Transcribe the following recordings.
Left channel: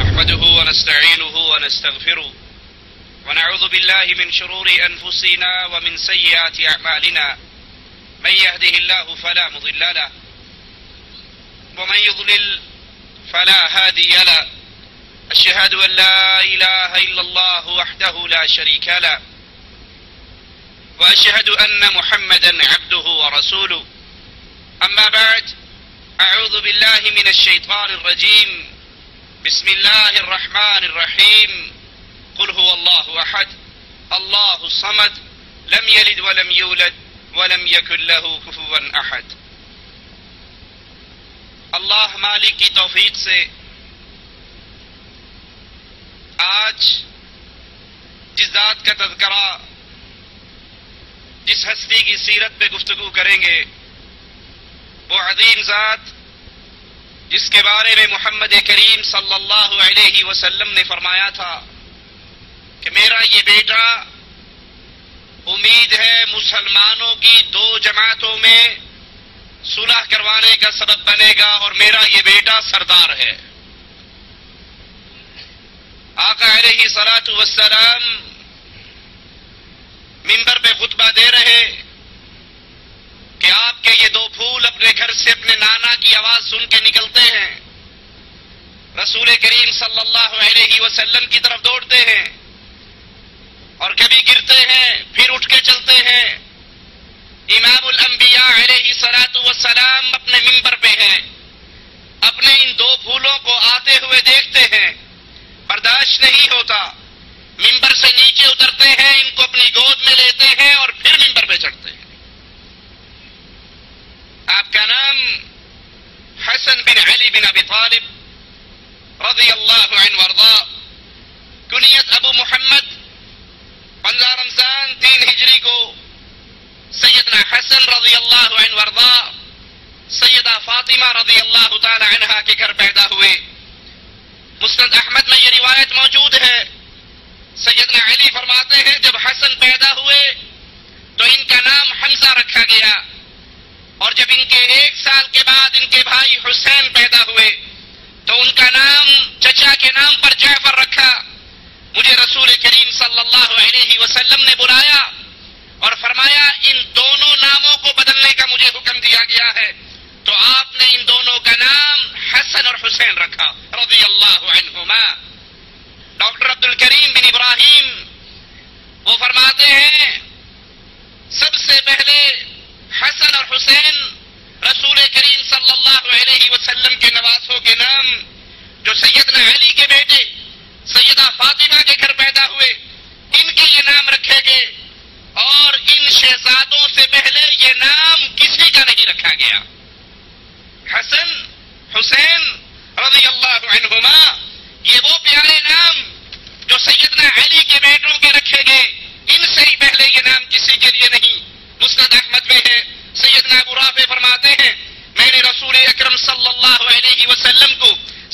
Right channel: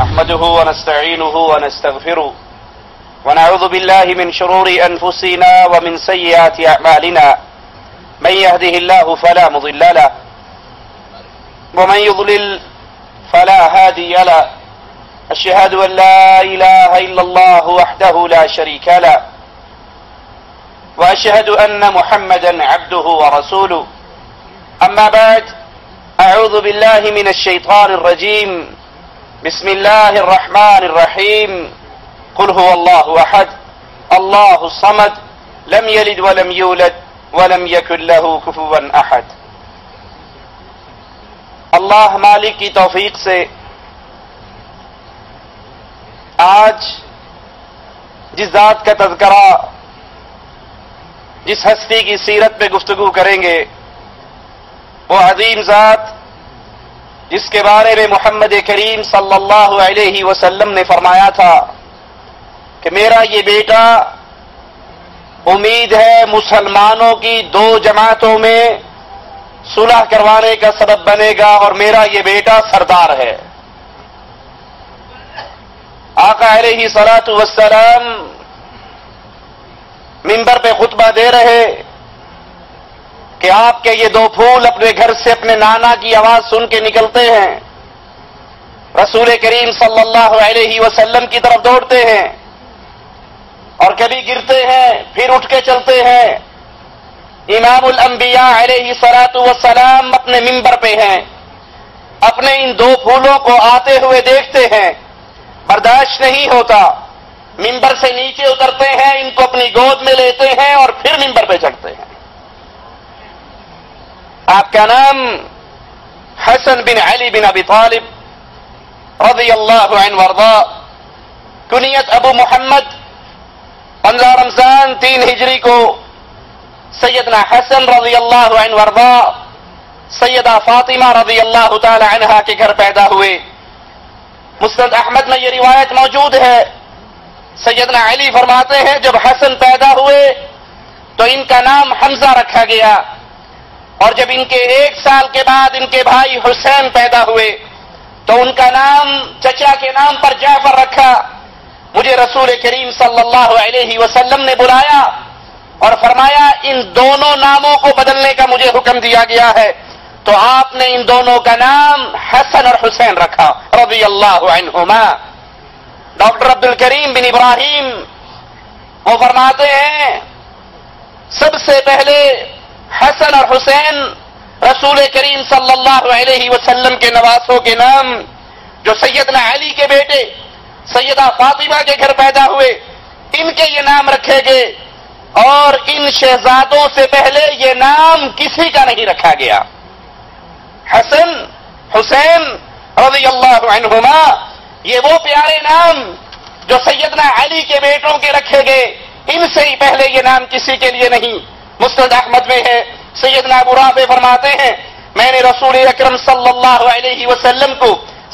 نحمده ونستعينه ونستغفره ونعوذ بالله من شرور أنفسنا ومن سيئات أعمالنا من يهده الله فلا مضل له ومن يضلل فلا هادي له أشهد أن لا إله إلا الله وحده لا شريك له وأشهد أن محمدا عبده ورسوله أما بعد أعوذ بالله من الشيطان الرجيم بسم الله الرحمن الرحيم قل هو الله أحد الله الصمد لم يلد ولم يولد ولم يكن له كفوا أحد. اللہ مالک کی توفیق سے آج جس ذات کا تذکرہ، جس ہستی کی سیرت پہ گفتگو کریں گے، وہ عظیم ذات جس کے بارے میں محمد کریم صلی اللہ علیہ وسلم نے فرمایا تھا کہ میرا یہ بیٹا امید ہے مسلمانوں کی دو جماعتوں میں صلح کروانے کا سبب بنے گا اور میرا یہ بیٹا سردار ہے. آقا علیہ الصلوۃ والسلام منبر پہ خطبہ دے رہے کہ آپ کے یہ دو پھول اپنے گھر سے اپنے نانا کی آواز سن کے نکلتے ہیں، رسول کریم صلی اللہ علیہ وسلم کی طرف دوڑتے ہیں اور کبھی گرتے ہیں پھر اٹھ کے چلتے ہیں. امام الانبیاء علیہ الصلوۃ والسلام اپنے منبر پہ ہیں، اپنے ان دو پھولوں کو آتے ہوئے دیکھتے ہیں، برداشت نہیں ہوتا، منبر سے نیچے اترتے ہیں، ان کو اپنی گود میں لیتے ہیں اور پھر منبر پہ چڑھتے ہیں. آپ کا نام حسن بن علی بن ابی طالب رضی اللہ عنہ وارضا، کنیت ابو محمد، 15 رمضان 3 ہجری کو سیدنا حسن رضی اللہ عنہ وارضا سیدہ فاطمہ رضی اللہ تعالی عنہا کے گھر پیدا ہوئے. مسند احمد میں یہ روایت موجود ہے، سیدنا علی فرماتے ہیں جب حسن پیدا ہوئے تو ان کا نام حمزہ رکھا گیا، اور جب ان کے 1 سال کے بعد ان کے بھائی حسین پیدا ہوئے تو ان کا نام چچا کے نام پر جعفر رکھا. مجھے رسول کریم صلی اللہ علیہ وسلم نے بلایا اور فرمایا ان دونوں ناموں کو بدلنے کا مجھے حکم دیا گیا ہے، تو آپ نے ان دونوں کا نام حسن اور حسین رکھا رضی اللہ عنہما. ڈاکٹر عبد الکریم بن ابراہیم وہ فرماتے ہیں سب سے پہلے حسن اور حسین رسول کریم صلی اللہ علیہ وسلم کے نواسوں کے نام جو سیدنا علی کے بیٹے سیدہ فاطمہ کے گھر پیدا ہوئے ان کے یہ نام رکھے گئے، اور ان شہزادوں سے پہلے یہ نام کسی کا نہیں رکھا گیا. حسن حسین رضی اللہ عنہما یہ وہ پیارے نام جو سیدنا علی کے بیٹوں کے رکھے گئے، ان سے ہی پہلے یہ نام کسی کے لیے نہیں. مسند احمد میں ہے، سیدنا ابو رافع فرماتے ہیں میں نے رسول اکرم صلی اللہ علیہ وسلم کو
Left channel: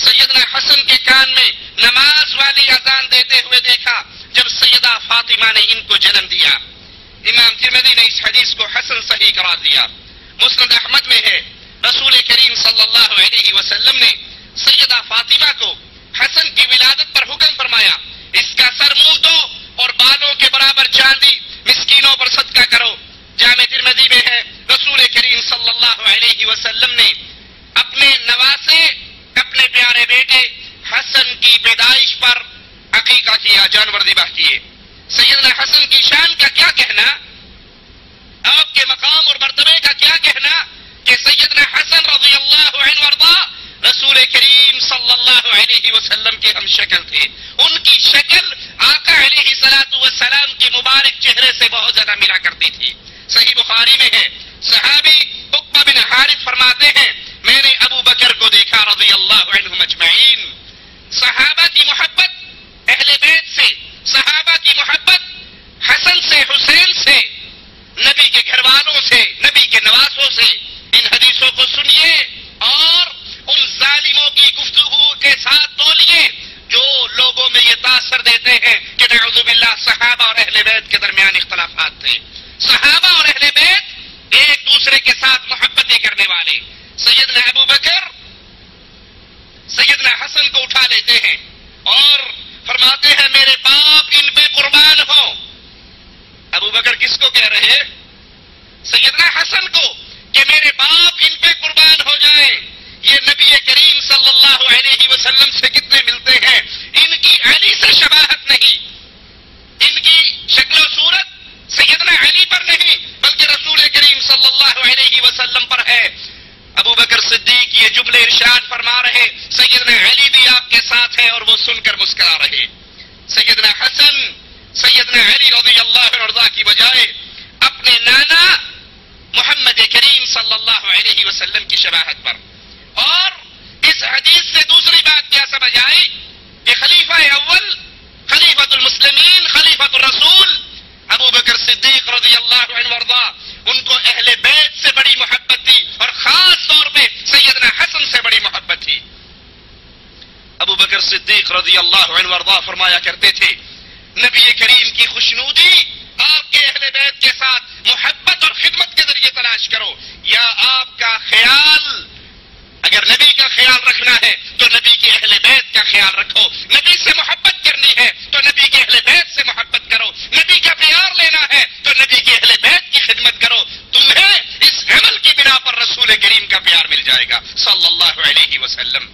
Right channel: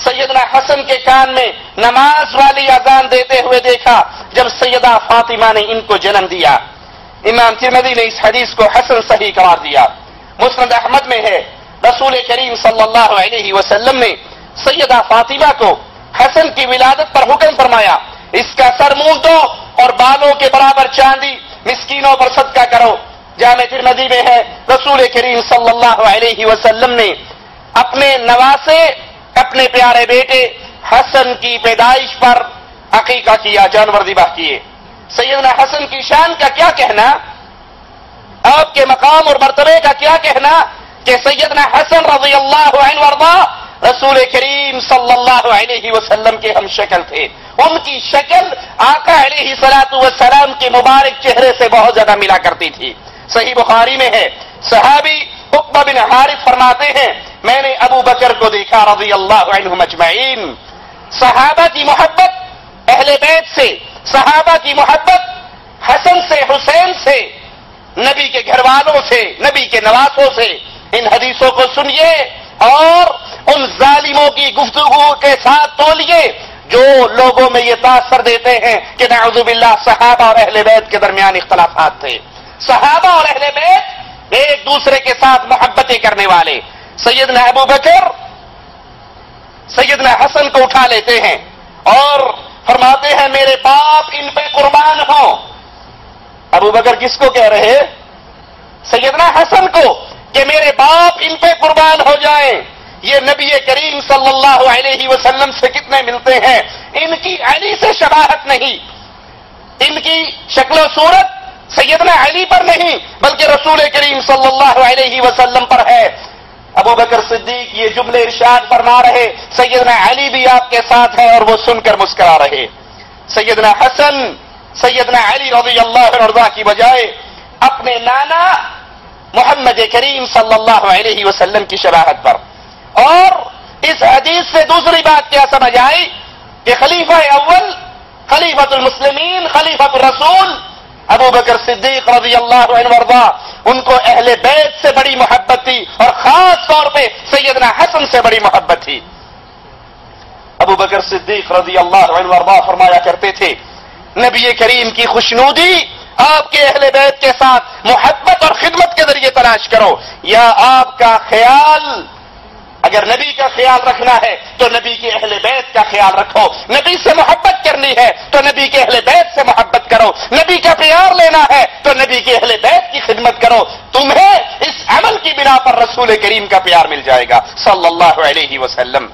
سیدنا حسن کے کان میں نماز والی اذان دیتے ہوئے دیکھا جب سیدہ فاطمہ نے ان کو جنم دیا. امام ترمذی نے اس حدیث کو حسن صحیح قرار دیا. مسند احمد میں ہے رسول کریم صلی اللہ علیہ وسلم نے سیدہ فاطمہ کو حسن کی ولادت پر حکم فرمایا اس کا سر مونڈ دو اور بالوں کے برابر چاندی مسکینوں پر صدقہ کرو. جامع ترمذی میں ہے رسول کریم صلی اللہ علیہ وسلم نے اپنے نواسے اپنے پیارے بیٹے حسن کی پیدائش پر عقیقہ کیا، جانور ذبح کیے. سیدنا حسن کی شان کا کیا کہنا، آپ کے مقام اور مرتبے کا کیا کہنا کہ سیدنا حسن رضی اللہ عنہ وارضا رسول کریم صلی اللہ علیہ وسلم کے ہم شکل تھے. ان کی شکل آقا علیہ الصلوۃ والسلام کے مبارک چہرے سے بہت زیادہ ملا کرتی تھی. صحیح بخاری میں ہے صحابی عقبہ بن حارث فرماتے ہیں میں نے ابو بکر کو دیکھا رضی اللہ عنہم اجمعین. صحابہ کی محبت اہل بیت سے، صحابہ کی محبت حسن سے، حسین سے، نبی کے گھر والوں سے، نبی کے نواسوں سے. ان حدیثوں کو سنیے اور ان ظالموں کی گفتگو کے ساتھ تولیے جو لوگوں میں یہ تاثر دیتے ہیں کہ نعوذ باللہ صحابہ اور اہل بیت کے درمیان اختلافات تھے. صحابہ اور اہل بیت ایک دوسرے کے ساتھ محبتیں کرنے والے. سیدنا ابو بکر سیدنا حسن کو اٹھا لیتے ہیں اور فرماتے ہیں میرے باپ ان پہ قربان ہوں. ابو بکر کس کو کہہ رہے؟ سیدنا حسن کو کہ میرے باپ ان پہ قربان ہو جائیں. یہ نبی کریم صلی اللہ علیہ وسلم سے کتنے ملتے ہیں. ان کی علی سے شباہت نہیں، ان کی شکل و صورت سیدنا علی پر نہیں بلکہ رسول کریم صلی اللہ علیہ وسلم پر ہے. ابو بکر صدیق یہ جملے ارشاد فرما رہے، سیدنا علی بھی آپ کے ساتھ ہے اور وہ سن کر مسکرا رہے. سیدنا حسن سیدنا علی رضی اللہ عنہ کی بجائے اپنے نانا محمد کریم صلی اللہ علیہ وسلم کی شباہت پر. اور اس حدیث سے دوسری بات کیا سمجھ آئی کہ خلیفہ اول، خلیفۃ المسلمین، خلیفۃ الرسول ابو بکر صدیق رضی اللہ عنہ وارضا، ان کو اہل بیت سے بڑی محبت تھی اور خاص طور پہ سیدنا حسن سے بڑی محبت تھی. ابو بکر صدیق رضی اللہ عنہ وارضا فرمایا کرتے تھے نبی کریم کی خوشنودی آپ کے اہل بیت کے ساتھ محبت اور خدمت کے ذریعے تلاش کرو، یا آپ کا خیال، اگر نبی کا خیال رکھنا ہے تو نبی کے اہل بیت کا خیال رکھو. نبی سے محبت کرنی ہے تو نبی کے اہل بیت سے محبت کرو. نبی کا پیار لینا ہے تو نبی کے اہل بیت کی خدمت کرو. تمہیں اس عمل کی بنا پر رسول کریم کا پیار مل جائے گا صلی اللہ علیہ وسلم.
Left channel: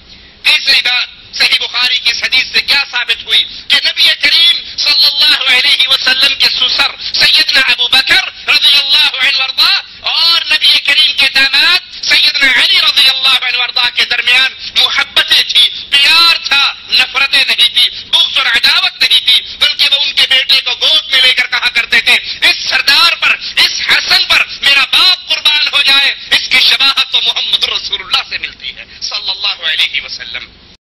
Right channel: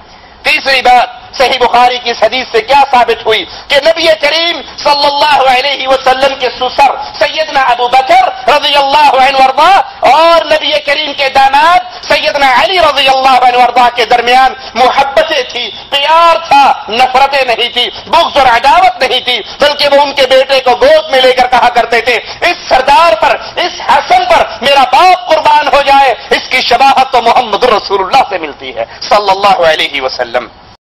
تیسری بات صحیح بخاری کی اس حدیث سے کیا ثابت ہوئی کہ نبی کریم صلی اللہ علیہ وسلم کے سسر سیدنا ابو بکر رضی اللہ عنہ وارضا اور نبی کریم کے داماد سیدنا علی رضی اللہ عنہ وارضا کے درمیان محبتیں تھی، پیار تھا، نفرتیں نہیں تھی، بغض اور عداوت نہیں تھی، بلکہ وہ ان کے بیٹے کو گود میں لے کر کہا کرتے تھے اس سردار پر، اس حسن پر میرا باپ قربان ہو جائے، اس کی شباہت تو محمد رسول اللہ سے ملتی ہے صلی اللہ علیہ وسلم.